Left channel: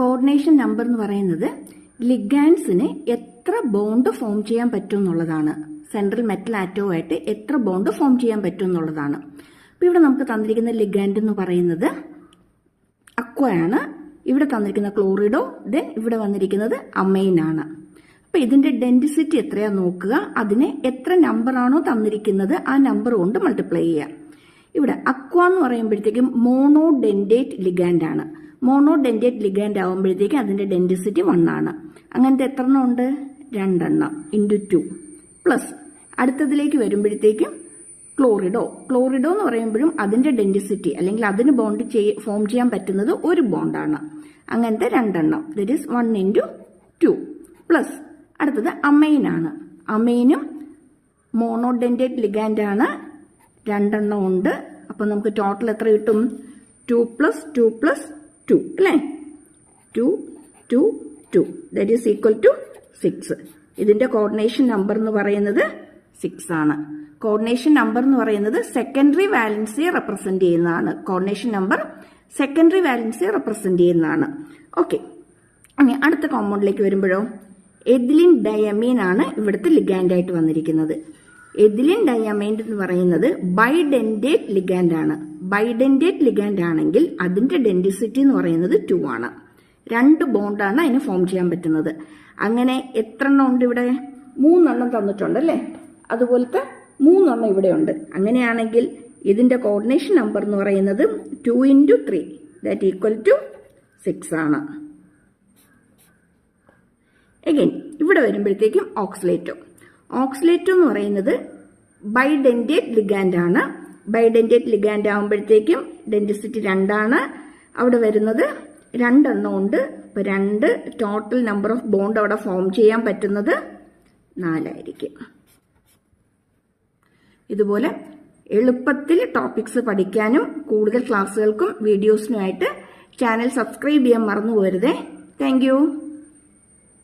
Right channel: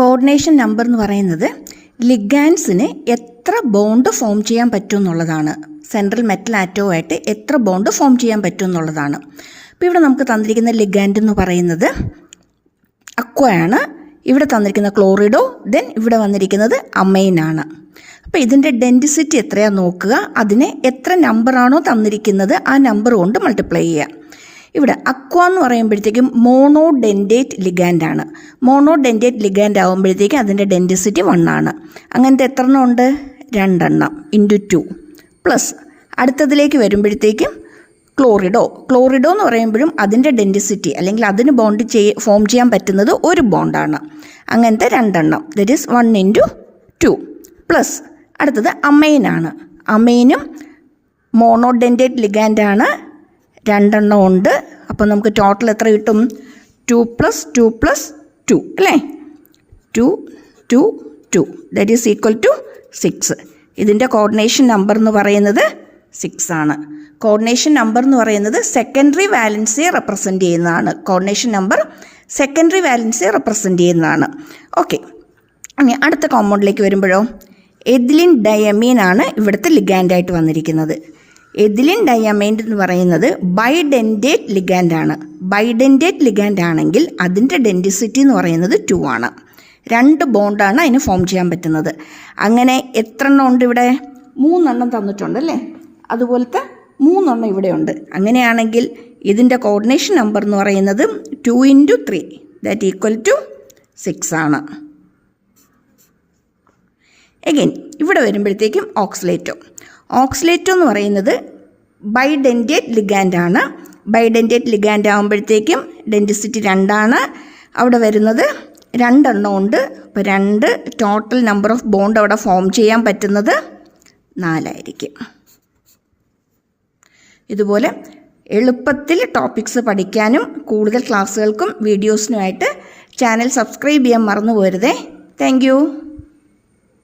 Coordination number എന്ന് പറയുന്നത് ലിഗാൻഡ്സിന് എത്ര ബോണ്ട് ഫോം ചെയ്യാൻ പറ്റും എന്നുള്ളതാണ്. സെൻട്രൽ മെറ്റൽ ആറ്റവുമായിട്ട് എത്ര ബോണ്ട് ഫോം ചെയ്യാൻ പറ്റും എന്നുള്ളതാണ്. അപ്പോൾ ഇവിടെ നമുക്ക് തന്നിരിക്കുന്ന ലിഗാൻഡ് എന്ന് പറയുന്നത് അക്വയാണ്. ഇവിടെ തന്നിരിക്കുന്ന ക്ലോറിഡോ, ദെൻ ഇവിടെ വന്നിരിക്കുന്നത് അമൈനാണ്. അപ്പോൾ ഇതിൻ്റെ ഡെൻസിറ്റി എത്രയാണെന്ന് നോക്കുക. അതിന് എത്ര നമ്പറാണോ തന്നിരിക്കുന്നത് ആ നമ്പർ കൊണ്ട് മൾട്ടിപ്ലൈ ചെയ്യുക. ഇവിടെ അക്വ എന്ന് പറയുമ്പോഴത്തേക്കും മോണോഡെൻഡേറ്റ് ലിഗാൻഡാണ്. മോണോഡെൻഡേറ്റ് ലിഗാൻഡ് ആകുമ്പോഴത്തേക്കും അതിൻ്റെ ഡെൻസിറ്റി 1 ആണ്. അങ്ങനത്തെ എത്ര എണ്ണം ഉണ്ട്? 2 എണ്ണം ഇൻറ്റു 2 പ്ലസ് അടുത്തതിലേക്ക് വരുമ്പോഴത്തേക്കും ക്ലോറിഡോ എന്ന് പറയുമ്പോഴും അതിൻ്റെ ഡെൻസിറ്റി അല്ലെങ്കിൽ അതിന് ബോണ്ട് ഫോം ചെയ്യാൻ പറ്റുന്നത് ഒരു ബോണ്ടാണ്. അങ്ങനത്തെ 2 എണ്ണം, ദറ്റ് ഈസ് 1 ഇൻറ്റു 2 പ്ലസ് അടുത്തത് അമൈനാണ്. അമൈനും മോണോഡെൻഡേറ്റ് ലിഗാൻഡാണ്, 2 എണ്ണം ഉണ്ട്. അപ്പോൾ നമുക്ക് ടോട്ടൽ എത്ര കിട്ടും? 2 + 2 + 2 അല്ലേ? 2 2 2 ദറ്റ് ഈസ് ഈക്വൽ ടു 6. ഇതിൻ്റെ കോർഡിനേഷൻ നമ്പർ എന്ന് പറയുന്നത് 6 ആണ്. കോർഡിനേഷൻ നമ്പർ എന്ന് പറയുന്നത് സെക്കൻഡറി വാലൻസിയെ റെപ്രസെൻ്റ് ചെയ്യുന്നതാണ്. കോർഡിനേഷൻ നമ്പർ സെക്കൻഡറി വാലൻസിയെ റെപ്രസെൻ്റ് ചെയ്യുന്നതാണ്. ഓക്കെ, ഇനി അടുത്ത കോമ്പൗണ്ടിലേക്ക് വരുമ്പോഴോ എഥിലിൻ ഡയമീൻ ആണ് ഇവിടുത്തെ ലിഗാൻഡായിട്ട് വന്നിരിക്കുന്നത്. എഥിലിൻ ഡയമൈൻ എന്ന് പറയുന്നത് ബൈഡെൻഡേറ്റ് ലിഗാൻഡാണ്. ബൈഡെൻഡേറ്റ് ലിഗാൻഡ് ആണെങ്കിൽ അതിൻ്റെ ഡെൻസിറ്റി എന്ന് പറയുന്നത് 2 ആണ്. 2 ബോണ്ടാണ് അതിന് ഫോം ചെയ്യാൻ പറ്റുന്നത്. അങ്ങനെ എത്ര എണ്ണം ഉണ്ട് ഇവിടെ? 3 എണ്ണം തന്നിട്ടുണ്ട് അല്ലേ? അതുപോലത്തെ 3 എണ്ണം ഇവിടെ ഉണ്ട്. അങ്ങനെയാണെങ്കിൽ ഇതിൻ്റെ കോർഡിനേഷൻ നമ്പർ എന്ന് പറയുന്നത് 2 × 3 ദാറ്റ് ഈക്വൽ ടു 6 ആണ്. എഗെയിൻ ഇവിടെ വരുമ്പോഴത്തേക്കും ഓക്സലേറ്റോ എന്ന് പറയുന്നത് ബൈഡെൻഡേറ്റ് ലിഗാൻഡാണ്. ബൈഡെൻഡേറ്റ് ലിഗാൻഡ് ആകുമ്പോഴത്തേക്കും ഡെൻസിറ്റി 2 ആണ്. അവിടെ വരുന്നത് 2 എണ്ണം ഉണ്ട്. അപ്പോൾ 2 ടോട്ടൽ നമ്പർ ഓഫ് ബോണ്ട് അവിടെ ഫോം ചെയ്യാൻ പറ്റുന്നത് 4 ആയിരിക്കും. ഇതുപോലെ എളുപ്പത്തിൽ ടോപ്പിക്സ് പഠിക്കാനും കൂടുതൽ ക്ലാസ്സുകൾക്കും വീഡിയോസിനുമായിട്ട് ചാനൽ സബ്സ്ക്രൈബ് ചെയ്യാൻ മറന്നു പോരുതേ. Thank you.